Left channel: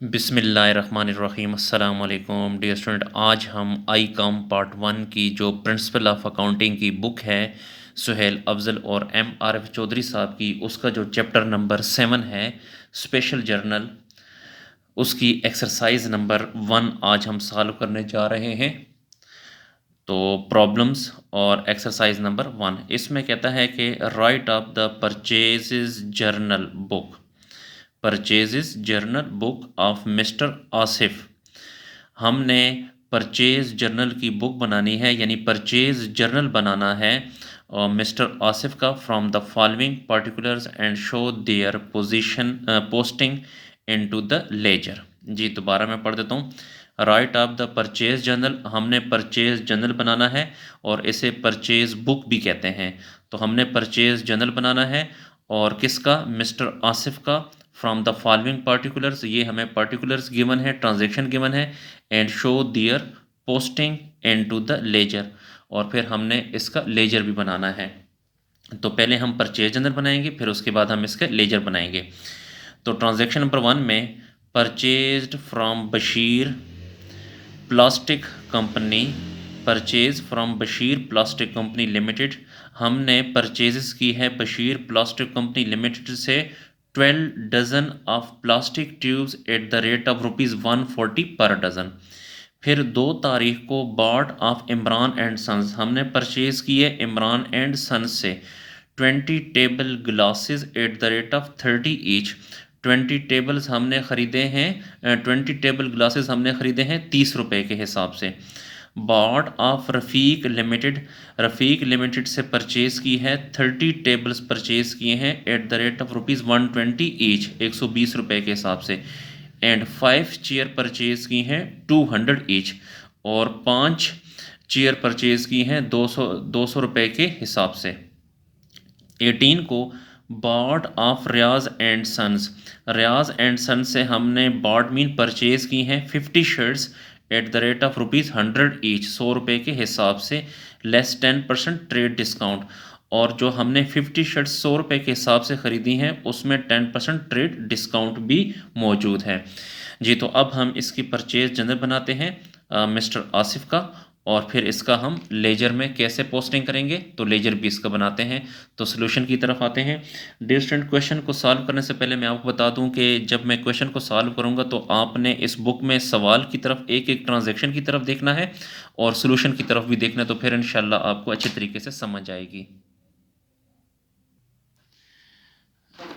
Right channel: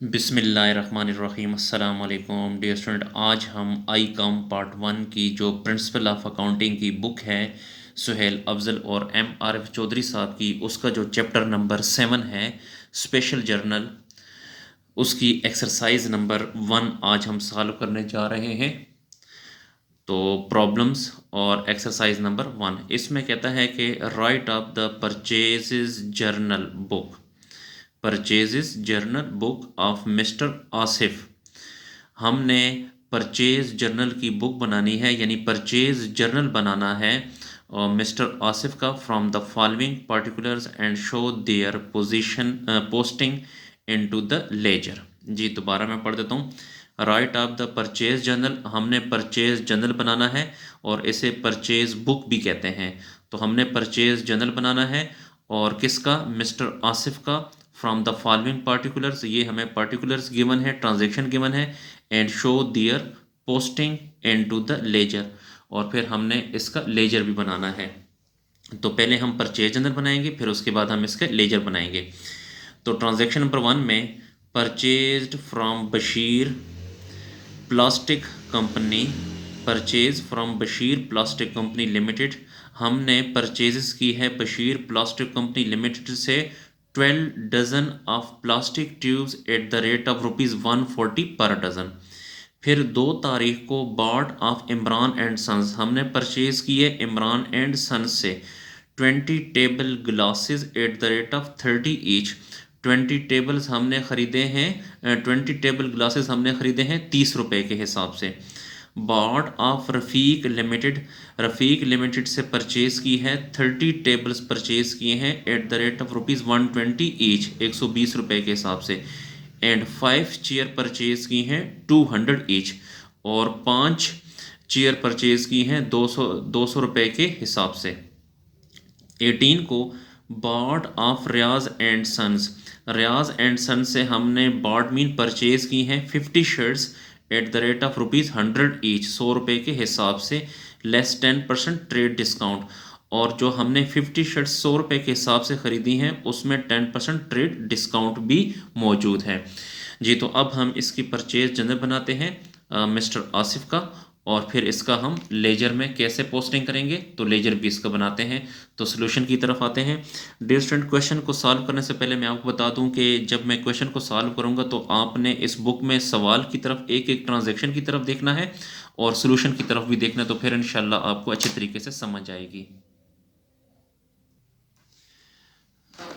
बिस्मिल्लाहिर्रहमानिर्रहीम अस्सलाम वालेकुम डियर स्टूडेंट। आज हम आई कॉम पार्ट 1 की जो प्रिंसिपल ऑफ अकाउंटिंग की बुक है सुहेल अफजल और MRF चौधरी साहब की, उसका जो चैप्टर नंबर 7 है स्पेशल जर्नल, उसकी एक्सरसाइज नंबर 1 आज हम सॉल्व करने जा रहे हैं। तो प्रॉब्लम्स और एक्सरसाइज नंबर 1 इसमें कहता है कि right off the purchases journal book, purchases journal book of mister Asif. हमने परचेज जर्नल की बुक बनानी है, यानी परचेज जर्नल बनाना है और मिस्टर आसिफ का from the following particulars and show their position posting into the ledger. जी दोबारा मैं पढ़ देता हूँ। Write off the purchase journal, हमने परचेज जर्नल बनाना है और इसे परचेज बुक भी कहते हैं। तो हमने परचेज जर्नल बनाना है और किसका? मिस्टर आसिफ का। फ्रॉम द फॉलोइंग पार्टिकुलर्स, ये हमें पार्टिकुलर्स गिवन है, ट्रांजेक्शन गिवन है, and show their posting into the ledger, और फिर हमने इसका लेजर भी बनाना है। तो पहले हम परचेज जर्नल बनाएंगे, फिर उसके बाद हम इसके लेजर बनाएंगे। तो ट्रांजेक्शन नंबर 1 में purchased from Bashir plastic company, purchase from Bashir plastic company limited, हमने परचेजेस की है बशीर प्लास्टिक कंपनी लिमिटेड से 12 dozen of plastic tubes at the rate of ₹140 per dozen. फिर 2 तारीख को bought of Imran and sons, हमने परचेज़ की है इमरान एंड सन्स से 20 table glasses at the rate of 30 each. 20 tables हमने ख़रीदे हैं, 20 टेबल ग्लासेस हमने ख़रीदे हैं 30 रुपये के हिसाब से। Bought of Rafiq limited, Rafiq limited से परचेज़ की है 30 टेबल्स परचेज़ किए हैं at the rate of ₹120 each, 120 रुपये के हिसाब से। एंड 5 चेयर परचेज़ की हैं 200 ईच, और 5 चेयर परचेज़ की हैं 200 रुपये के हिसाब से। 18 को bought of Riyaz and sons, Riyaz and sons से हमने बार्ड मीन परचेज़ की हैं 50 shirts at the rate of ₹100 each, 100 रुपये के हिसाब से, लेस 10% ट्रेड डिस्काउंट। और जो हमने 50 शर्ट्स 100 रुपये के हिसाब से ख़रीदी हैं उसमें 10% ट्रेड डिस्काउंट भी मौजूद है। जी तो अब हम इसकी परचेज जनरल बनाते हैं मिस्टर आसिफ का, और फिर इसका हम लेजर में कैसे पोस्टिंग करेंगे, तो लेजर भी इसका बनाते हैं। तो सोल्यूशन की तरफ आते हैं। डियर स्टूडेंट, क्वेश्चन को सॉल्व करने से पहले मैं आपको बता दूं कि जब मैं क्वेश्चन को सॉल्व करूंगा तो आपने इस बुक में सवाल की तरफ, एक एक ट्रांजैक्शन की तरफ देखना है और सोल्यूशन की तरफ भी देखना है, तो फिर इंशाल्लाह आपको अच्छे तरीके से समझ आएगी।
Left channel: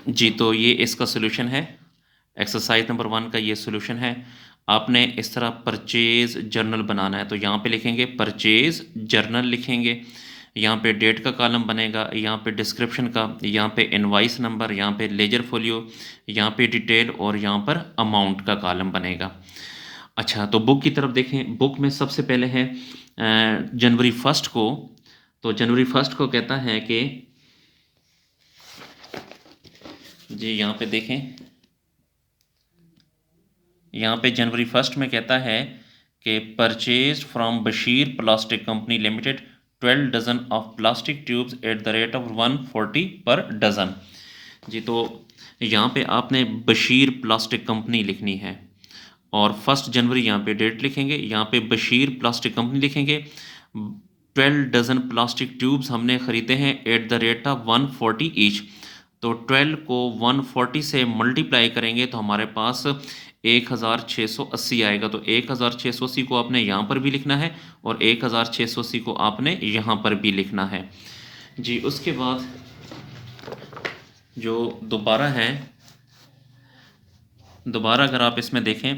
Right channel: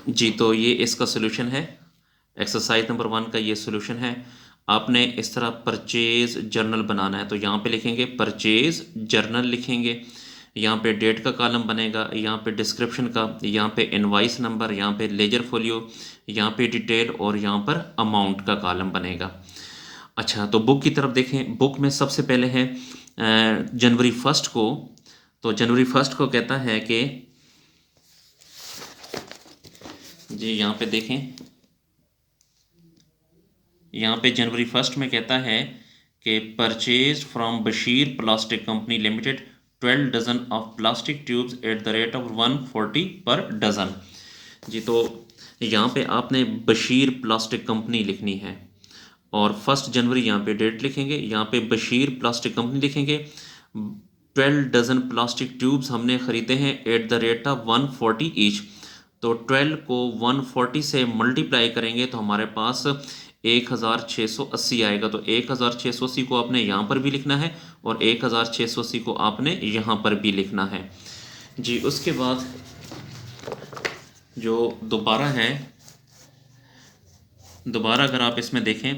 जी तो ये इसका सोल्यूशन है, एक्सरसाइज नंबर 1 का ये सोल्यूशन है। आपने इस तरह परचेज जर्नल बनाना है, तो यहाँ पे लिखेंगे परचेज जर्नल लिखेंगे, यहाँ पे डेट का कॉलम बनेगा, यहाँ पे डिस्क्रिप्शन का, यहाँ पे इनवाइस नंबर, यहाँ पे लेजर फोलियो, यहाँ पे डिटेल, और यहाँ पर अमाउंट का कॉलम बनेगा। अच्छा तो बुक की तरफ देखें। बुक में सबसे पहले है जनवरी 1 को, तो जनवरी 1 को कहता है कि जी यहाँ पे देखें, यहाँ पे जनवरी 1 में कहता है कि purchase from Bashir plastic company limited 12 dozen of plastic tubes at the rate of 140 per dozen. जी तो यहाँ पे आपने बशीर प्लास्टिक कंपनी लिखनी है और 1 जनवरी यहाँ पे डेट लिखेंगे, यहाँ पे बशीर प्लास्टिक कंपनी लिखेंगे। 12 डजन प्लास्टिक ट्यूब्स हमने ख़रीदे हैं at the rate of 140 each. तो 12 को 140 से मल्टीप्लाई करेंगे तो हमारे पास 1680 आएगा। तो 1680 को आपने यहाँ पर भी लिखना है और 1680 को आपने यहाँ पर भी लिखना है। जी उसके बाद जो दोबारा है, दोबारा अगर आप इसमें देखें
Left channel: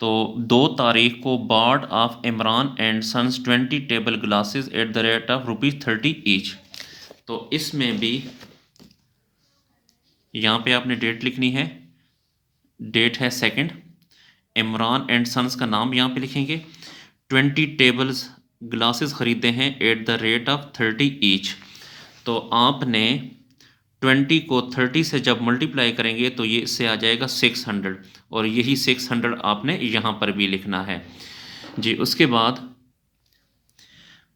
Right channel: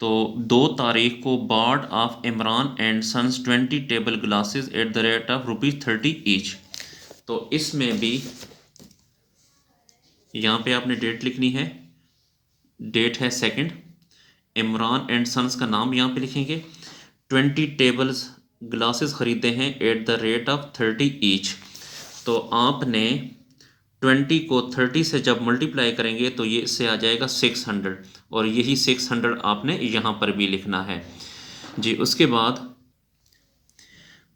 तो 2 तारीख को bought of Imran and sons 20 table glasses at the rate of ₹30 each. तो इसमें भी यहाँ पे आपने डेट लिखनी है, डेट है 2। इमरान एंड सन्स का नाम यहाँ पे लिखेंगे। 20 टेबल्स ग्लासेस ख़रीदे हैं at the rate of 30 each. तो आपने 20 को 30 से जब मल्टीप्लाई करेंगे तो ये इससे आ जाएगा 600, और यही 600 आपने यहाँ पर भी लिखना है। जी उसके बाद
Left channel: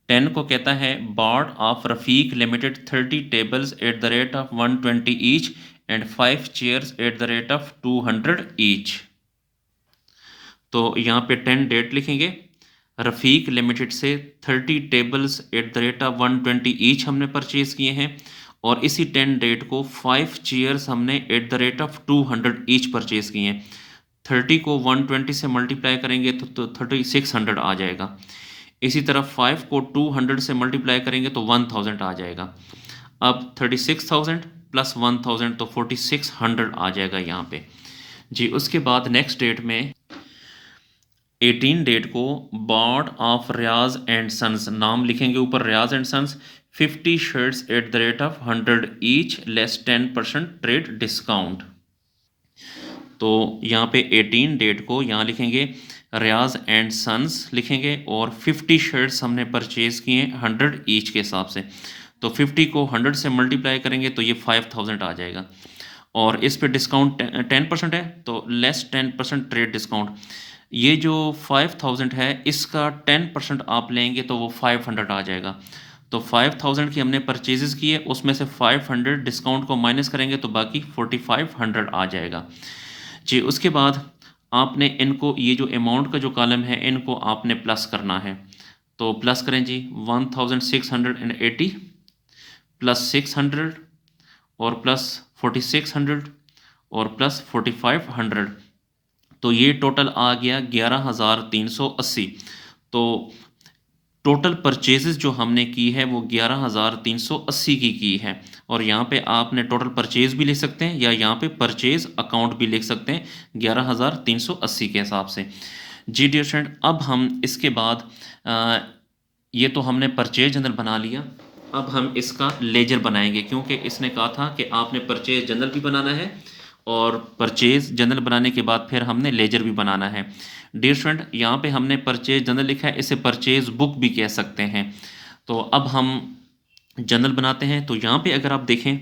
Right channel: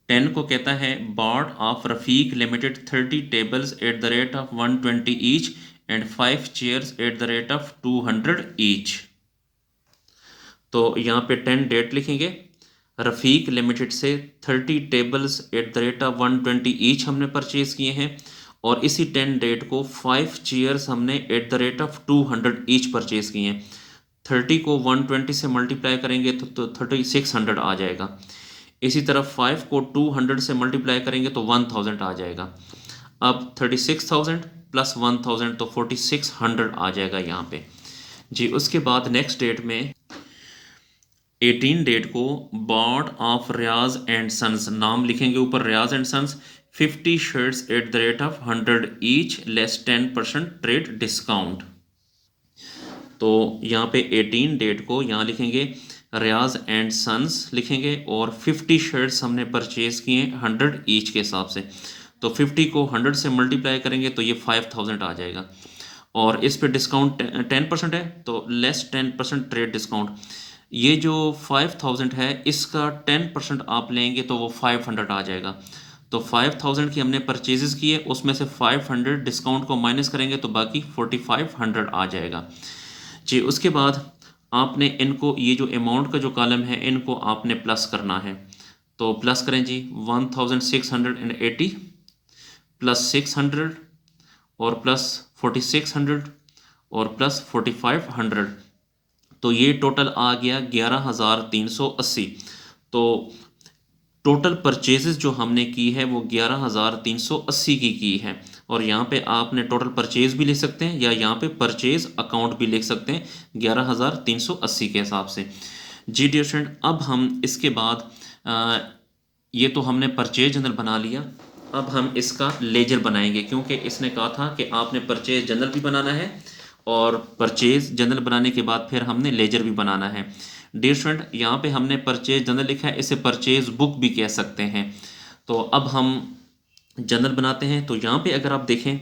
10 को कहता है bought of Rafiq limited 30 tables at the rate of 120 each and 5 chairs at the rate of 200 each. तो यहाँ पे 10 डेट लिखेंगे। रफ़ीक लिमिटेड से 30 tables at the rate of 120 each हमने परचेज़ किए हैं, और इसी 10 डेट को 5 चेयर्स हमने eight the rate of 200 each purchase किए हैं। 30 को 120 से मल्टीप्लाई करेंगे तो 3600 आ जाएगा। इसी तरह 5 को 200 से मल्टीप्लाई करेंगे तो 1000 आ जाएगा। अब 36,000 प्लस 1000 तो 4600 आ जाएगा यहाँ पे जी। उसके बाद नेक्स्ट डेट में 18 डेट को bought of Riyaz and sons, नाम लिखेंगे ऊपर Riyaz and sons, 50 shirts at the rate of 100 each less 10% trade discount. तो यहाँ पे 18 डेट को यहाँ लिखेंगे रियाज एंड सन्स लिखेंगे, और 50 शर्ट्स हमने परचेज़ किए 100 ईच के हिसाब से। तो 50 को 100 से मल्टीप्लाई करेंगे तो ये 5000 आ जाएगा, और इस पे डिस्काउंट 10% है तो लेस 10% ट्रेड डिस्काउंट। ये जो 5000 है इसका 10% आप लेंगे तो वो 500 आ जाएगा। तो 5000 की हमने परचेजेस की है, उसमें से 500 डिस्काउंट को माइनस करेंगे तो बाकी 4500 आ जाएगा जी। उसके बाद आपने इनको, ये जो अमाउंट का जो कॉलम है इनको आपने प्लस करना है। तो प्लस करें जी, 1680 प्लस 600 और प्लस 4600 और प्लस 4500, तो ये टोटल आ गया 11380। तो टोटल परचेजेस जो हमने की है वो 11380 की है। और यहाँ पे आपने टोटल परचेज भी लिख सकते हैं या यहाँ पे परचेज अकाउंट भी लिख सकते हैं 11380 के हिसाब से जी। डियर स्टूडेंट, अब हम इसके बाद ये तो हमने परचेज जनरल बना लिया, अब हम इसका लेजर बनाएंगे, क्योंकि इसने कहा था कि आपने परचेज जनरल भी बनाना है और परचेज जनरल बनाने के बाद फिर हमने लेजर भी बनाना है। डियर स्टूडेंट, यहाँ पे हमने परचेज जनरल लिखा है, इसे परचेज बुक भी कह सकते हैं। तो अब हम जनरल बनाते हैं। तो यहाँ पे अगर आप देखें,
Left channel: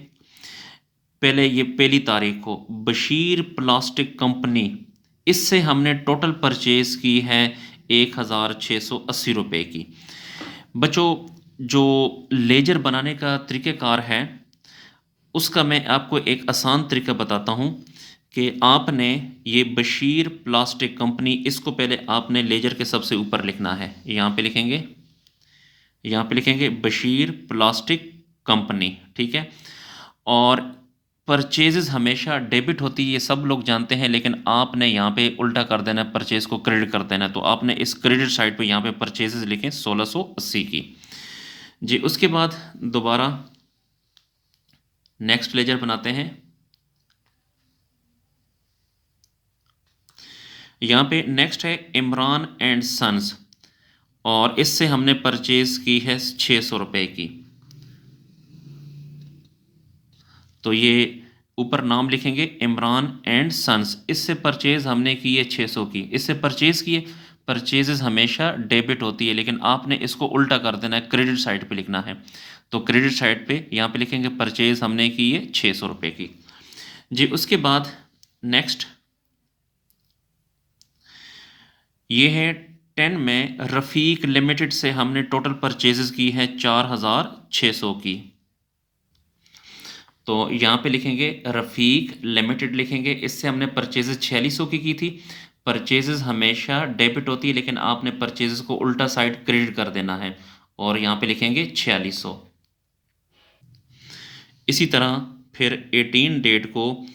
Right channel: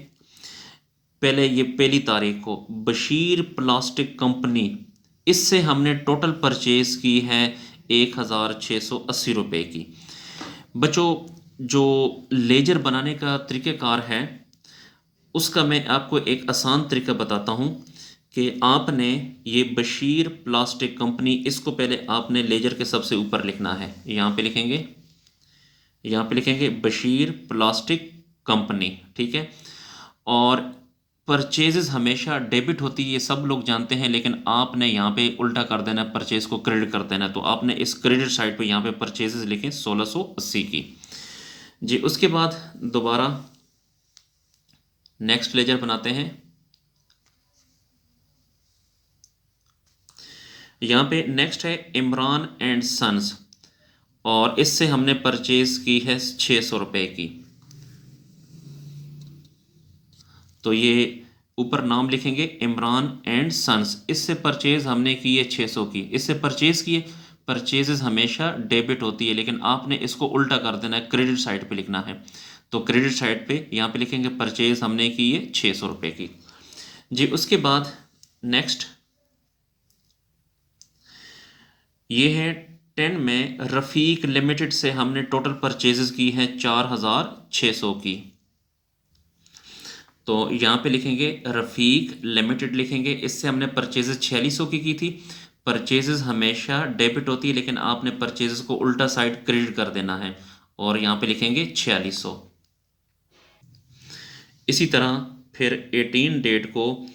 पहले ये पहली तारीख को बशीर प्लास्टिक कंपनी, इससे हमने टोटल परचेज की है 1680 रुपये की। बच्चों, जो लेजर बनाने का तरीक़ेकार है उसका मैं आपको एक आसान तरीका बताता हूँ कि आपने ये बशीर प्लास्टिक कंपनी, इसको पहले आपने लेजर के सबसे ऊपर लिखना है। यहाँ पे लिखेंगे, यहाँ पे लिखेंगे बशीर प्लास्टिक कंपनी, ठीक है। और परचेजेस हमेशा डेबिट होती है, ये सब लोग जानते हैं, लेकिन आपने यहाँ पे उल्टा कर देना है, परचेज को क्रेडिट कर देना है। तो आपने इस क्रेडिट साइड पे यहाँ पे परचेजेस लिखें 1680 की जी। उसके बाद दोबारा नेक्स्ट लेजर बनाते हैं। यहाँ पे नेक्स्ट है इमरान एंड सन्स, और इससे हमने परचेज की है 600 रुपये की। तो ये ऊपर नाम लिखेंगे इमरान एंड सन्स, इससे परचेज हमने की है 600 की, इससे परचेज किए। परचेजेस हमेशा डेबिट होती है, लेकिन आपने इसको उल्टा कर देना है, क्रेडिट साइड पे लिखना है। तो क्रेडिट साइड पे यहाँ पे लिखेंगे परचेज हमने की है 600 रुपये की जी। उसके बाद नेक्स्ट ये है 10 में रफ़ीक लिमिटेड से हमने टोटल परचेजेस की है 4600 की। तो यहाँ पे लिखेंगे रफ़ीक लिमिटेड लिखेंगे, इससे हमने परचेजेस 4600 की थी। परचेजेस हमेशा डेबिट होती है, लेकिन आपने परचेजेस को उल्टा साइड क्रेडिट कर देना है, और यहाँ पे लिखेंगे 4600। इसी तरह फिर 18 डेट को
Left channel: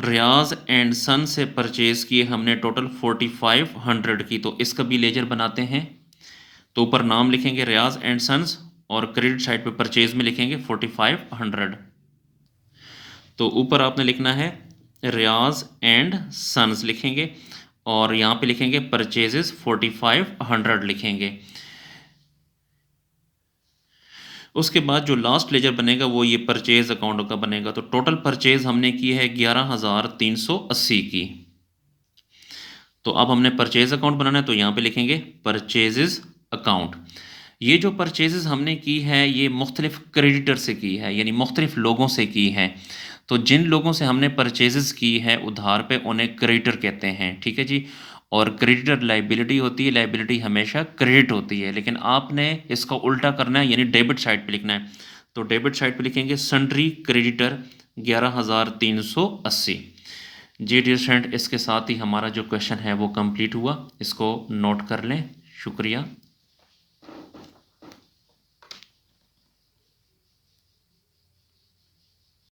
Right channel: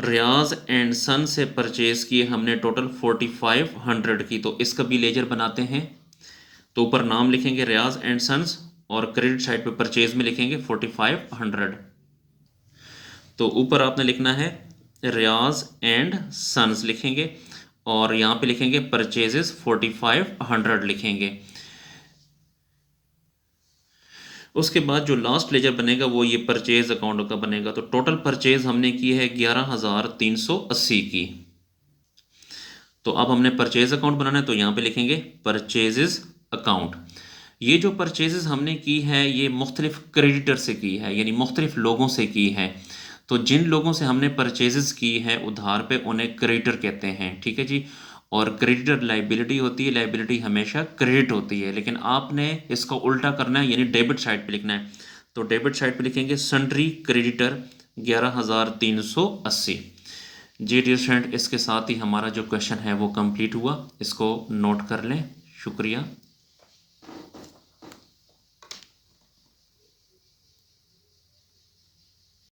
रियाज एंड सन से परचेज़ किए हमने टोटल 4500 की। तो इसका भी लेजर बनाते हैं। तो ऊपर नाम लिखेंगे रियाज एंड सन्स, और क्रेडिट साइड पे परचेज में लिखेंगे 4500। तो ऊपर आपने लिखना है रियाज एंड सन्स लिखेंगे, और यहाँ पे लिखेंगे परचेजेस 4500 लिखेंगे। उसके बाद जो लास्ट लेजर बनेगा वो ये परचेज अकाउंट का बनेगा। तो टोटल परचेज हमने की है 11380 की। तो अब हमने परचेज अकाउंट बनाना है, तो यहाँ पे लिखेंगे परचेजेस अकाउंट। ये जो परचेजेस हमने की है ये मुख्तलिफ क्रेडिटर से की है, यानी मुख्तलिफ लोगों से की है। तो जिन लोगों से हमने परचेजेस की है उधार पे, उन्हें क्रेडिटर कहते हैं, ठीक है जी। और क्रेडिटर लाइबिलिटी होती है, लाइबिलिटी हमेशा क्रेडिट होती है, लेकिन आपने इसको उल्टा करना है, यानी डेबिट साइड पे लिखना है। तो डेबिट साइड पे लिखेंगे सन्ड्री क्रेडिटर 11380 जी डियर स्टूडेंट, इसके साथ ही हमारा जो क्वेश्चन है वो कंप्लीट हुआ, इसको नोट कर लें। शुक्रिया।